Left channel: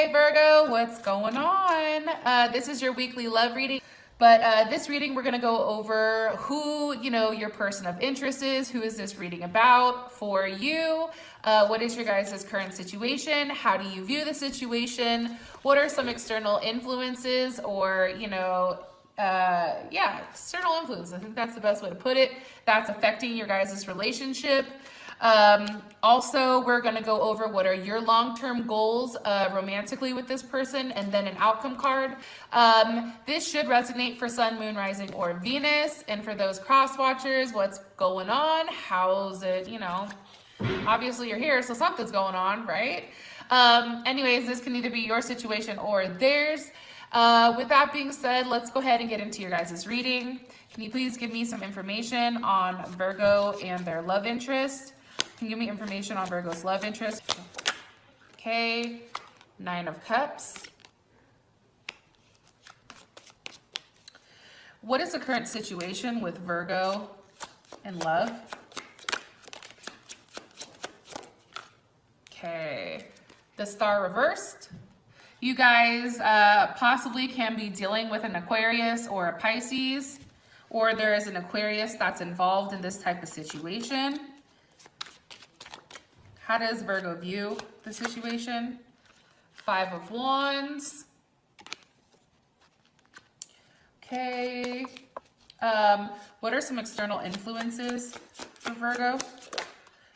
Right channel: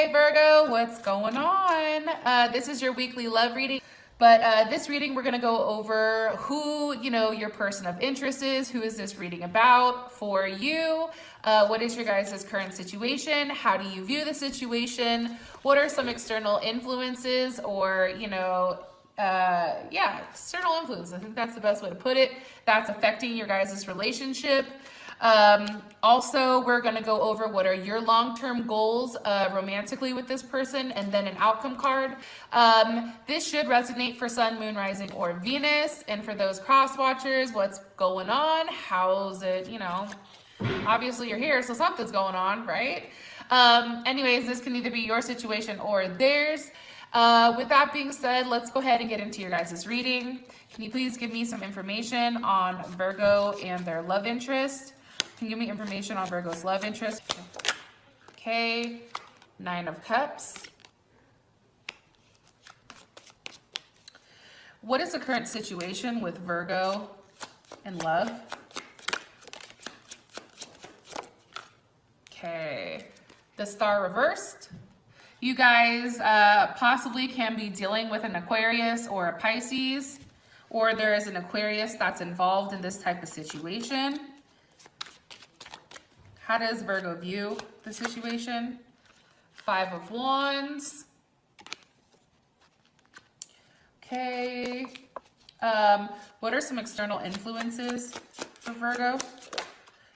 Hey Virgo, what's going on? This is your weekly love reading, but this reading we're going to go over who, your person of interest is. Who is this reading about for you? What is your guys' current situation? How do you view the situation? What are some external influences or, external influences. I think that's the best way to put it. That's affecting your guys' relationship. Also, we're going to go over what are your long-term goals romantically with this person, and then an outcome card. This should resonate for Sun, Moon, Rising, or Venus. And for those cross watchers, what's going on? How's it, obviously you're here, so something's going on, right? Anyways, this can either be your situation or theirs. With that being said, let's go ahead and get into your guys' reading. Can you please give me some information on Virgo and their love interest? Can you give me information on Virgo's love interest? Okay, 9 of Cups. What is the current situation with Virgo and love? Okay, the Star reversed. You guys possibly can be dealing with an Aquarius or a Pisces, or there is an Aquarius that's involved in this type of situation. How does Virgo view the situation? 5 of Wands. Okay. What are some external influences for Virgo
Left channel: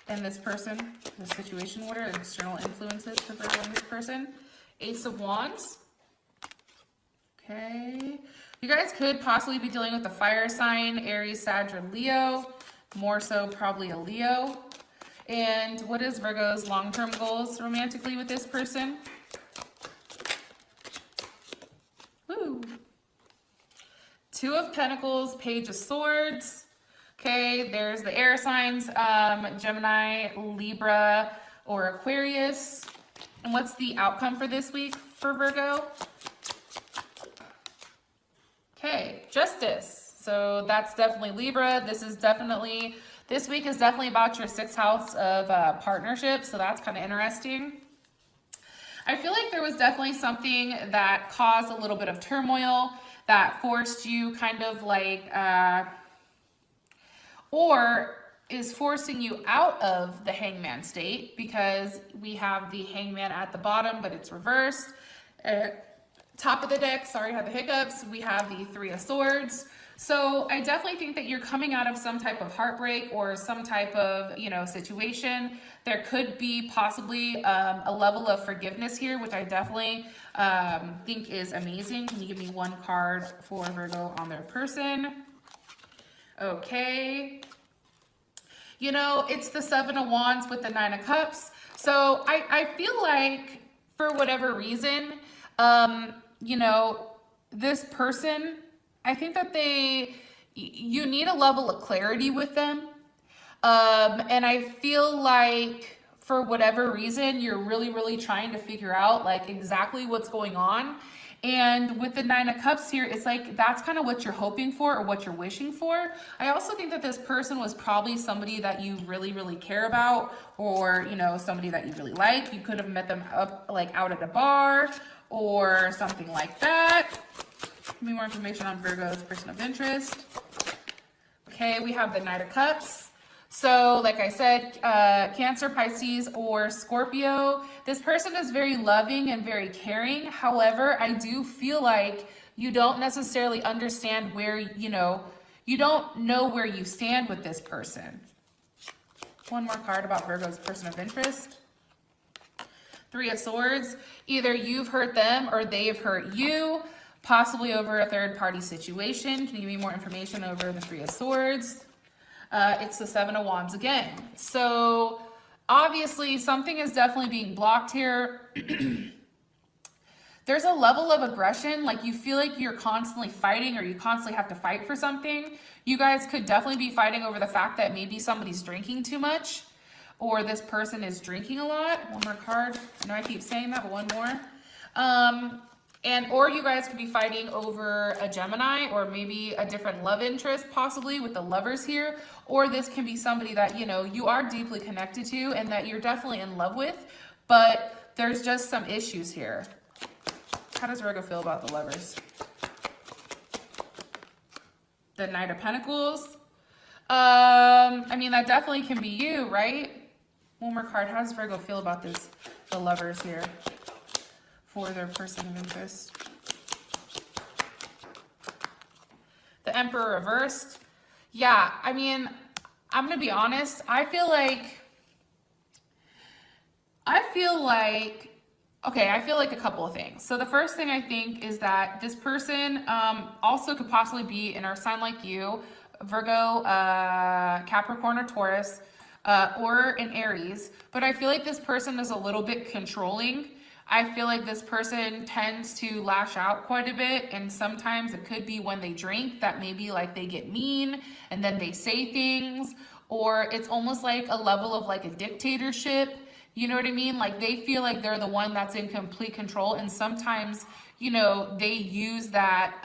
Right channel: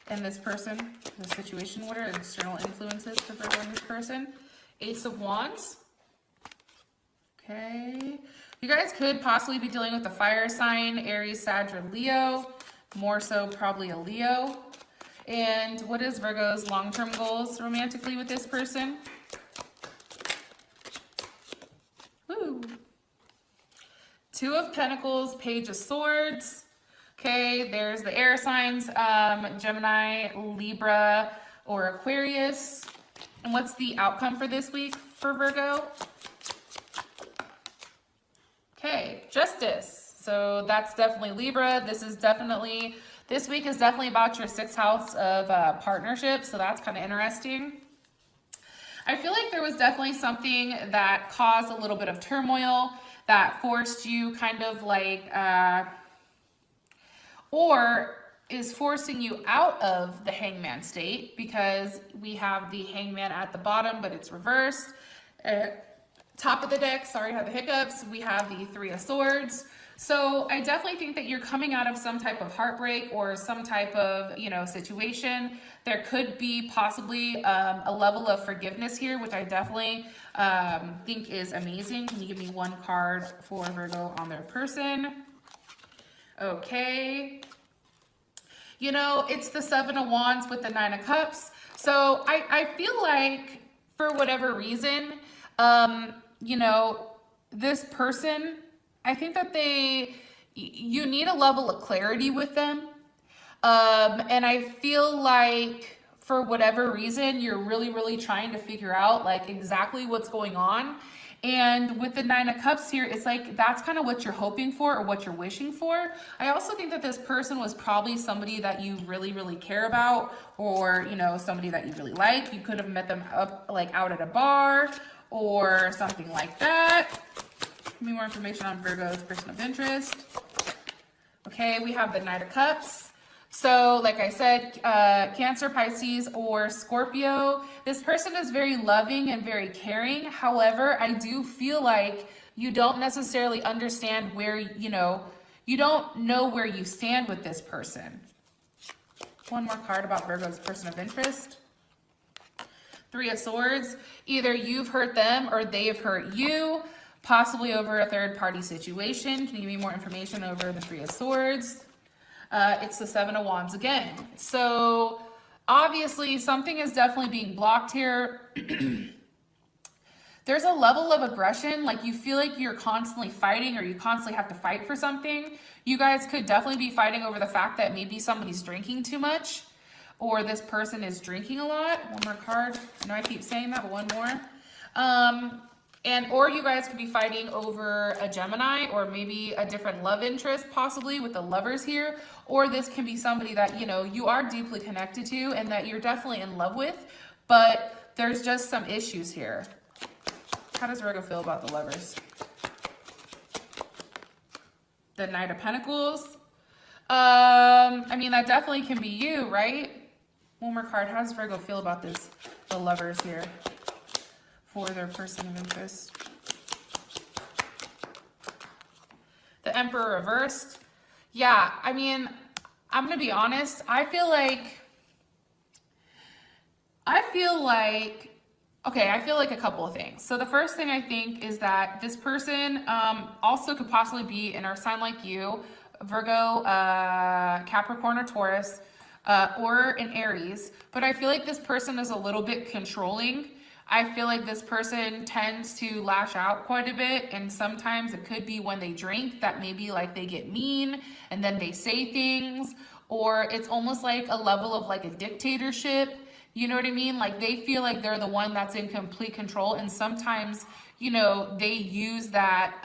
and this person, this situation? What are external influences for Virgo and this person? Ace of Wands. Okay. You guys could possibly be dealing with a fire sign, Aries, Sag, or Leo. More so probably a Leo. And what is Virgo's long-term goals romantically with this person? Woo. 2 of Pentacles, Page of Swords. Okay, there's the air signs, Gemini, Libra, or Aquarius. And what's the outcome for this week for Virgo? Okay, Justice. So that's definitely Libra. This week is definitely about your 6th house of partnership. So that's kind of interesting. I feel like there was definitely something that caused a little bit of turmoil that forced you kind of like, or is forcing you out of the Hangman state, because we have the Hangman at the bottom, but it's reversed. Top of the deck, sorry about the hiccups, we have the 3 of Swords. So I definitely think that you're coming out of some type of heartbreak or some type of, situation. There could be possibly a level of forgiveness here, which I definitely think is amazing. Can you give me one card for Virgo on their person? Okay. It's the 7 of Wands with the 9 of Cups. So I feel like for whatever reason, this person, I think that you need a level of clarity with them. And I feel like for whatever reason, you're really, really trying to figure out like exactly what's going on. And with the 9 of Cups here, it's like that's kind of what you're hoping for or what you're wishing for. I also think that this person was probably somebody that you really, really care about, or, somebody that you really like. You could have met them up like out at a bar or something like that. Give me more information on Virgo's person of interest. Okay, we have the Knight of Cups. So, like I said, Cancer, Pisces, or Scorpio. This person is very loving and very caring. However, I do feel like you don't necessarily understand where, you don't know where you stand with this person. One more card about Virgo's person of interest. 3 of Swords. Either you've hurt them or they've hurt you, possibly over a third-party situation. Can you give me more information over the 3 of Swords? It's the 7 of Wands again. So obviously something is definitely being blocked here. There's a level of aggression, like you feel like you're constantly fighting or you constantly have to fight for something. You guys could definitely be fighting over the fact that maybe somebody's drinking too much, or this person is drinking a lot. One more card. I know I keep saying that, but one more. Or you guys could be fighting over a Gemini, or maybe a different love interest, possibly with the Lovers here. Or this can be somebody that, you are deeply connected to and that you're definitely in love with. But there's just some issues here. How does Virgo feel about the Lovers? The Knight of Pentacles. I mean, that definitely can be you, right? One more card. How does Virgo feel about this? The Lovers here for their person of interest. The Emperor reversed. Yeah, I mean, I'm gonna be honest. I feel like a couple of things. So the first thing I think is that this person also could possibly be in our sign like you, Virgo, Capricorn, or Taurus, or an Aries. But I feel like this person is a little bit controlling. I feel like this person tends to lash out quite a bit, and sometimes it could be when they drink that maybe like they get mean and then they say things, or it's almost like a level of like a dictatorship. You know what I mean? Like they feel like they're the one that's in complete control, and sometimes, you know, they use that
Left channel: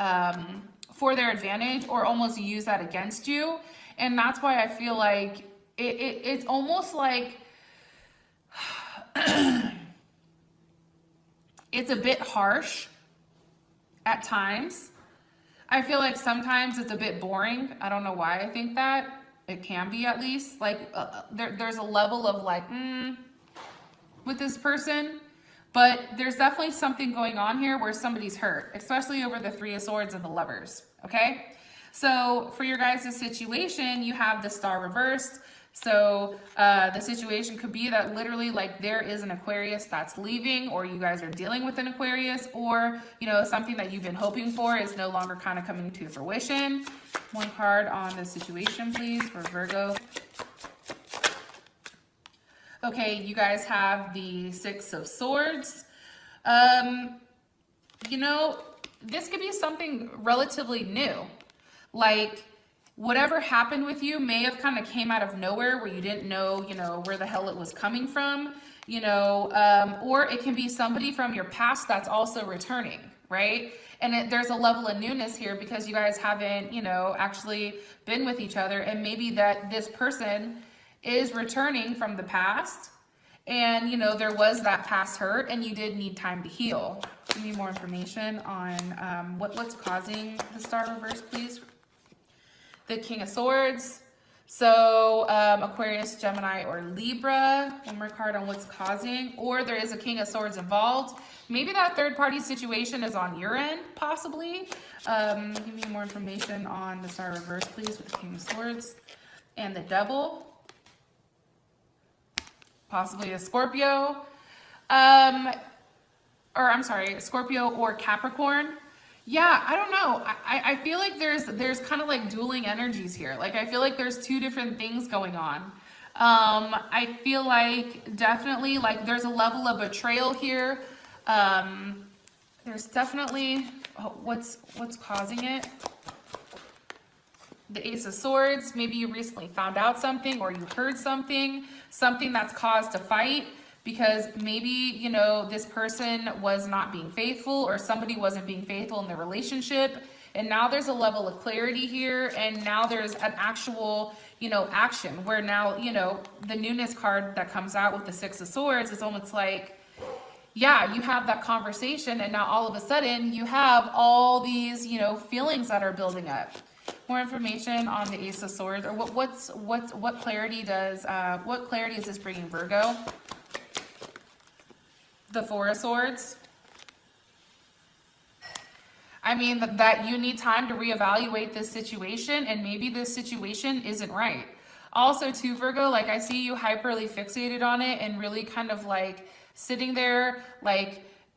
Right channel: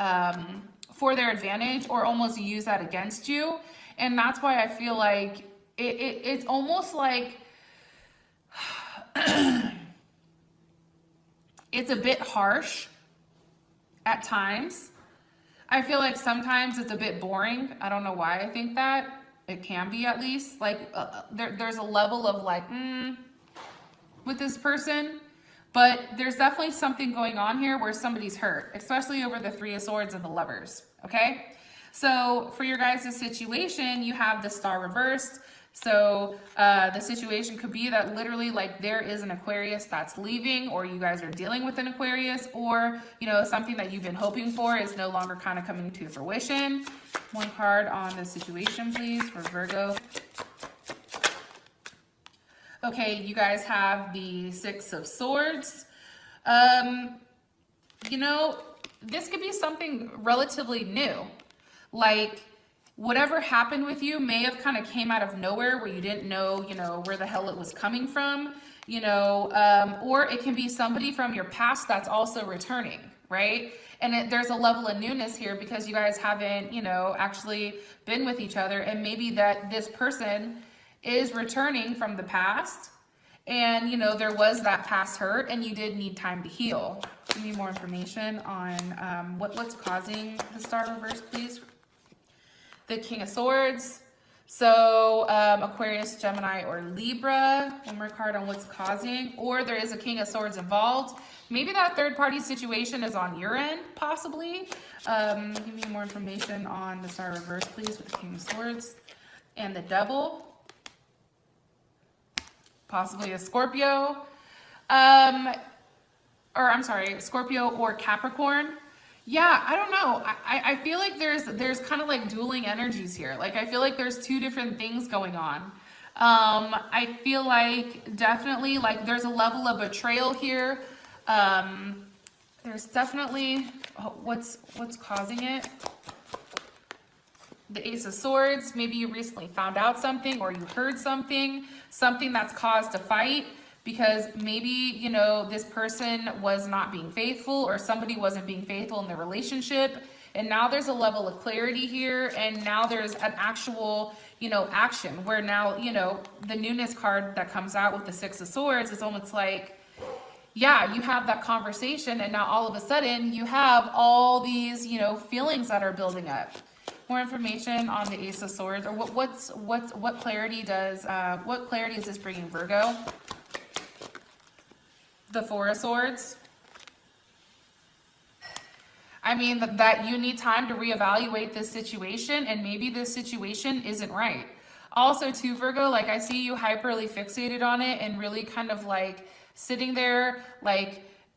for their advantage or almost use that against you. And that's why I feel like it's almost like it's a bit harsh at times. I feel like sometimes it's a bit boring. I don't know why I think that. It can be, at least. Like there's a level of like, with this person, but there's definitely something going on here where somebody's hurt, especially over the Three of Swords and the Lovers, okay? So for your guys' situation, you have the Star reversed. So the situation could be that literally like there is an Aquarius that's leaving, or you guys are dealing with an Aquarius, or, you know, something that you've been hoping for is no longer kind of coming to fruition. One card on the situation, please, for Virgo. Okay, you guys have the Six of Swords. You know, this could be something relatively new. Like, whatever happened with you may have kind of came out of nowhere where you didn't know, you know, where the hell it was coming from, you know, or it can be somebody from your past that's also returning, right? And there's a level of newness here because you guys haven't, you know, actually been with each other, and maybe that this person is returning from the past, and you know there was that past hurt and you did need time to heal. Give me more information on what's causing the Star reverse, please. The King of Swords. So Aquarius, Gemini, or Libra. One more card on what's causing, or there is a King of Swords involved. Maybe that third party situation is on your end, possibly. Give me more information on the Star reverse, please, with the King of Swords and the Devil. Possibly a Scorpio, Scorpio or Capricorn. Yeah, I don't know. I feel like there's kind of like dueling energies here. Like I feel like there's two different things going on. I feel like definitely like there's a level of betrayal here. There's definitely what's causing it. The Ace of Swords. Maybe you recently found out something, or you heard something that's caused a fight, because maybe, you know, this person was not being faithful, or somebody wasn't being faithful in the relationship, and now there's a level of clarity here, and now there's an actual, you know, action where now, you know, the newness card that comes out with the Six of Swords is almost like, yeah, you have that conversation, and now all of a sudden you have all these, you know, feelings that are building up. More information on the Ace of Swords, or what clarity is this bringing, Virgo? The Four of Swords. I mean that you need time to reevaluate this situation, and maybe this situation isn't right. Also, too, Virgo, like I see you hyperly fixated on it and really kind of like sitting there, like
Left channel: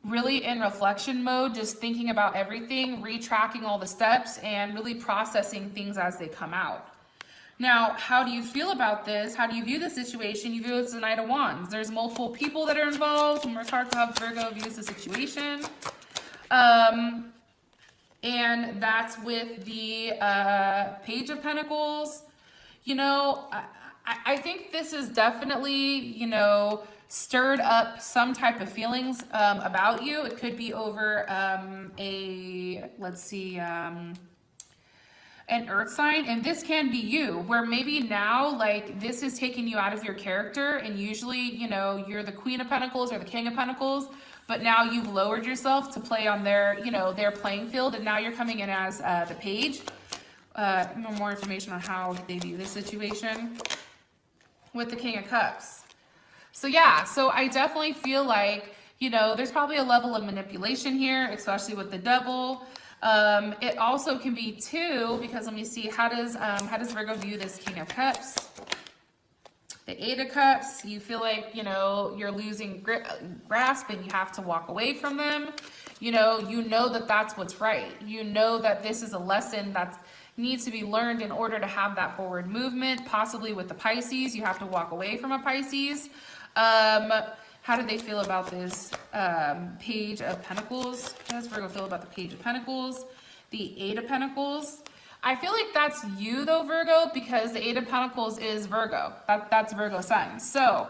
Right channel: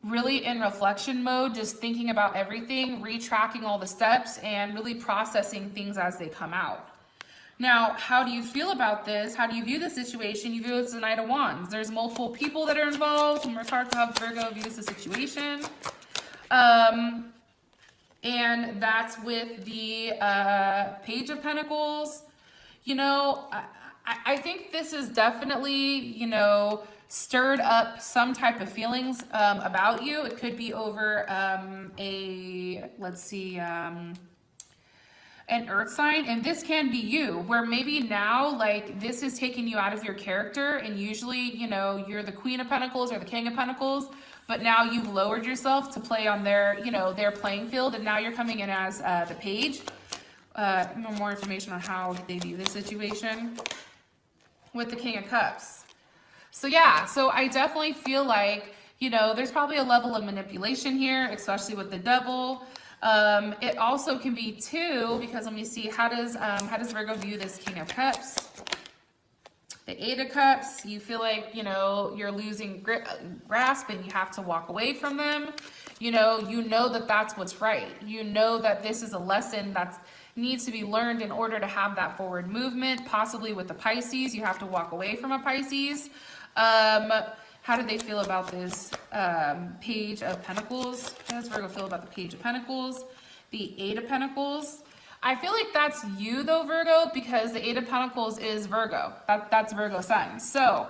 really in reflection mode, just thinking about everything, retracking all the steps, and really processing things as they come out. Now, how do you feel about this? How do you view the situation? You view it as the Knight of Wands. There's multiple people that are involved. More cards to have Virgo views the situation. And that's with the Page of Pentacles. You know, I think this is definitely, you know, stirred up some type of feelings about you. It could be over a an earth sign, and this can be you, where maybe now like this is taking you out of your character, and usually, you know, you're the Queen of Pentacles or the King of Pentacles, but now you've lowered yourself to play on their, you know, their playing field, and now you're coming in as the Page. More information on how they view this situation with the King of Cups. So yeah, so I definitely feel like, you know, there's probably a level of manipulation here, especially with the Devil. It also can be too, because let me see, how does Virgo view this King of Cups? The Eight of Cups, you feel like, you know, you're losing grasp and you have to walk away from them. You know that that's what's right. You know that this is a lesson that needs to be learned in order to have that forward movement. Possibly with the Pisces, you have to walk away from a Pisces. How do they feel about this Page of Pentacles? How does Virgo feel about the Page of Pentacles? The Eight of Pentacles. I feel like that's you though, Virgo, because the Eight of Pentacles is Virgo. That's Virgo sign. So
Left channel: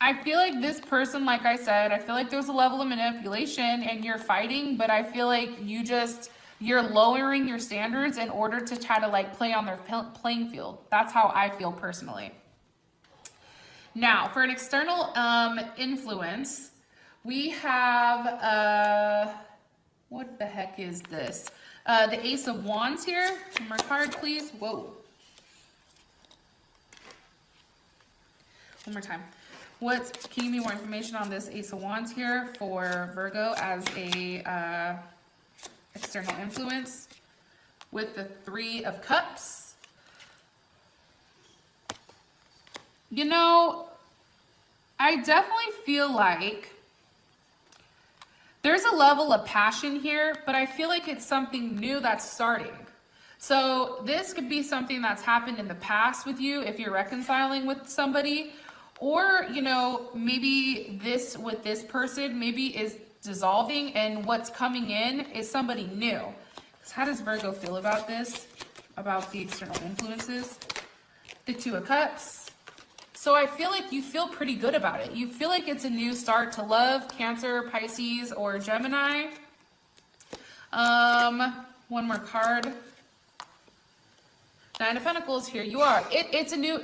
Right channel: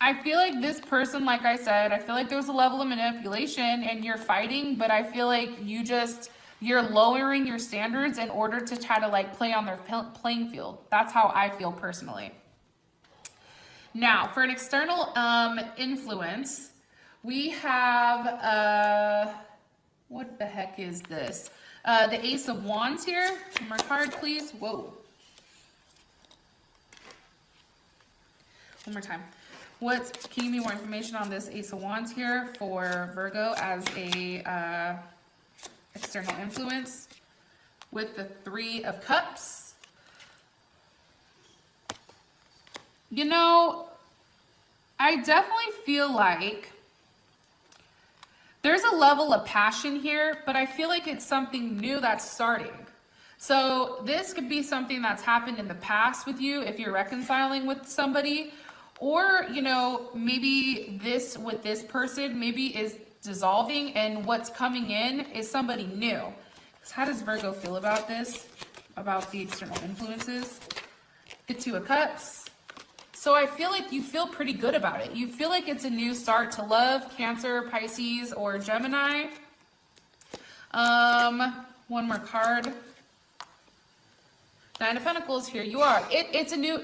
I feel like this person, like I said, I feel like there's a level of manipulation and you're fighting, but I feel like you're lowering your standards in order to try to like play on their playing field. That's how I feel personally. Now, for an external influence, we have, what the heck is this? The Ace of Wands here. One more card, please. Whoa. One more time. Can you give me more information on this Ace of Wands here for Virgo as a external influence with the Three of Cups? You know, I definitely feel like there's a level of passion here, but I feel like it's something new that's starting. So this could be something that's happened in the past with you if you're reconciling with somebody, or, you know, maybe this with this person maybe is dissolving and what's coming in is somebody new. So how does Virgo feel about this, about the external influences? The Two of Cups. So I feel like you feel pretty good about it. You feel like it's a new start to love, Cancer, Pisces, or Gemini. One more card. Nine of Pentacles, here you are. It's a new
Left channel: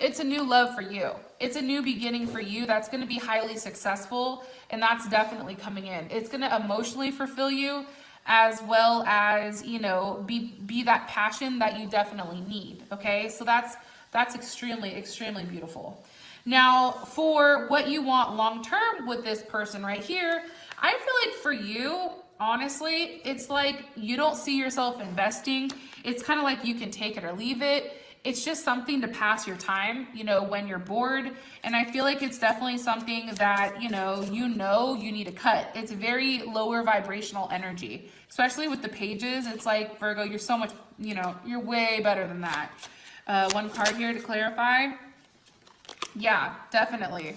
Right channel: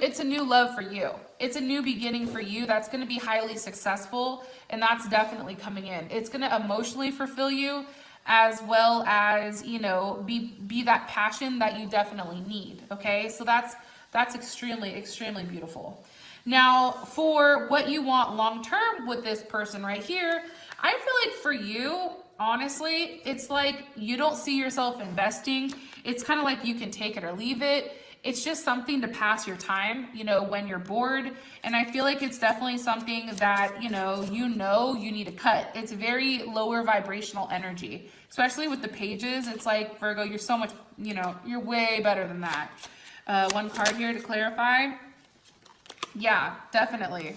love for you. It's a new beginning for you that's going to be highly successful, and that's definitely coming in. It's going to emotionally fulfill you, as well as, you know, be that passion that you definitely need. Okay, so that's extremely, extremely beautiful. Now, for what you want long-term with this person right here, I feel like for you, honestly, it's like you don't see yourself investing. It's kind of like you can take it or leave it. It's just something to pass your time, you know, when you're bored. And I feel like it's definitely something that, you need to cut. It's very lower vibrational energy, especially with the Pages. It's like, Virgo, you're so much, you know, you're way better than that. One card here to clarify. Yeah, definitely.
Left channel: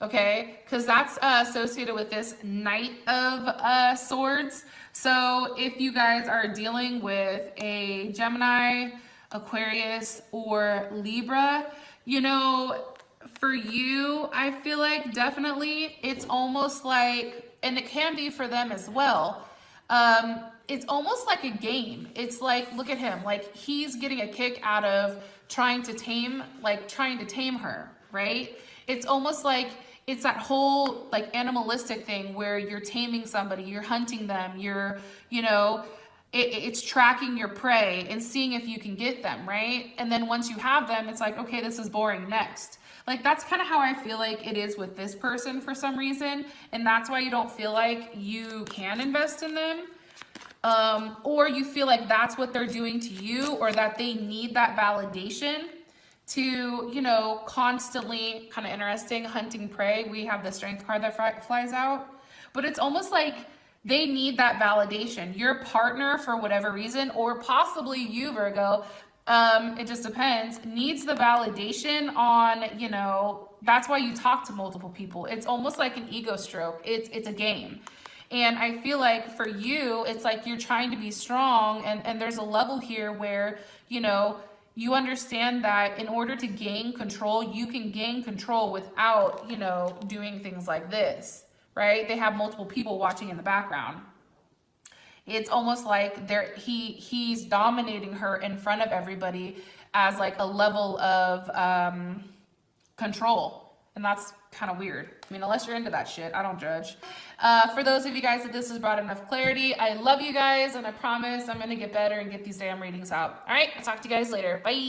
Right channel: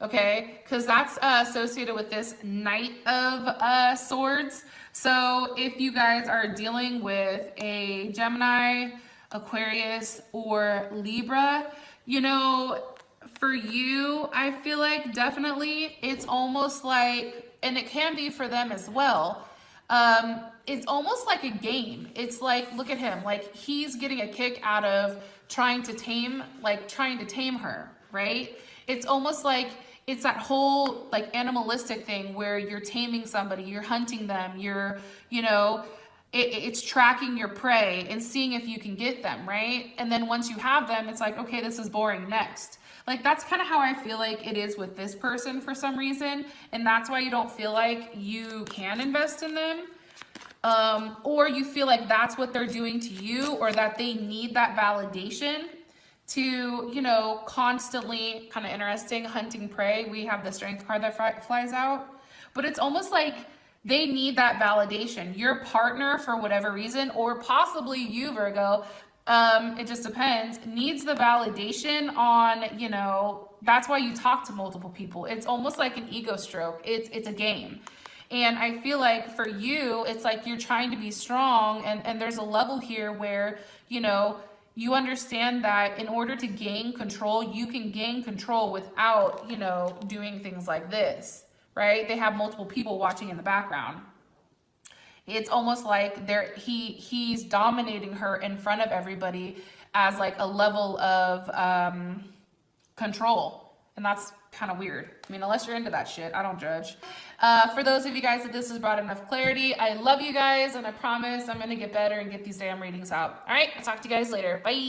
Okay, because that's associated with this Knight of Swords. So if you guys are dealing with a Gemini, Aquarius, or Libra, you know, for you, I feel like definitely it's almost like, and it can be for them as well, it's almost like a game. It's like, look at him, like he's getting a kick out of trying to tame her, right? It's almost like it's that whole like animalistic thing where you're taming somebody, you're hunting them, you're, you know, it's tracking your prey and seeing if you can get them, right? And then once you have them, it's like, okay, this is boring, next. Like, that's kind of how I feel like it is with this person for some reason. And that's why you don't feel like you can invest in them. Or you feel like that's what they're doing to you, or that they need that validation to, you know, constantly, kind of interesting, hunting prey. We have the Strength card that flies out. But it's almost like they need that validation. Your partner, for whatever reason, or possibly you, Virgo, it just depends, needs the validation on, you know, that's why you talk to multiple people. It's almost like an ego stroke. It's a game. And I feel like for you, it's like you're trying to be strong, and there's a level here where, you know, you understand that in order to gain control, you can gain control without, you know, doing things like this, right? They have multiple people watching in the background. It's almost like he's dominating her in front of everybody as like a level of control. And that's kind of weird. I mean, unless you're into that shit, I don't judge. For those of you guys that this has brought enough clarity, I love you guys, and I promise I'm going to get better and get these damn readings out. All right, I'll talk to you guys later. Bye.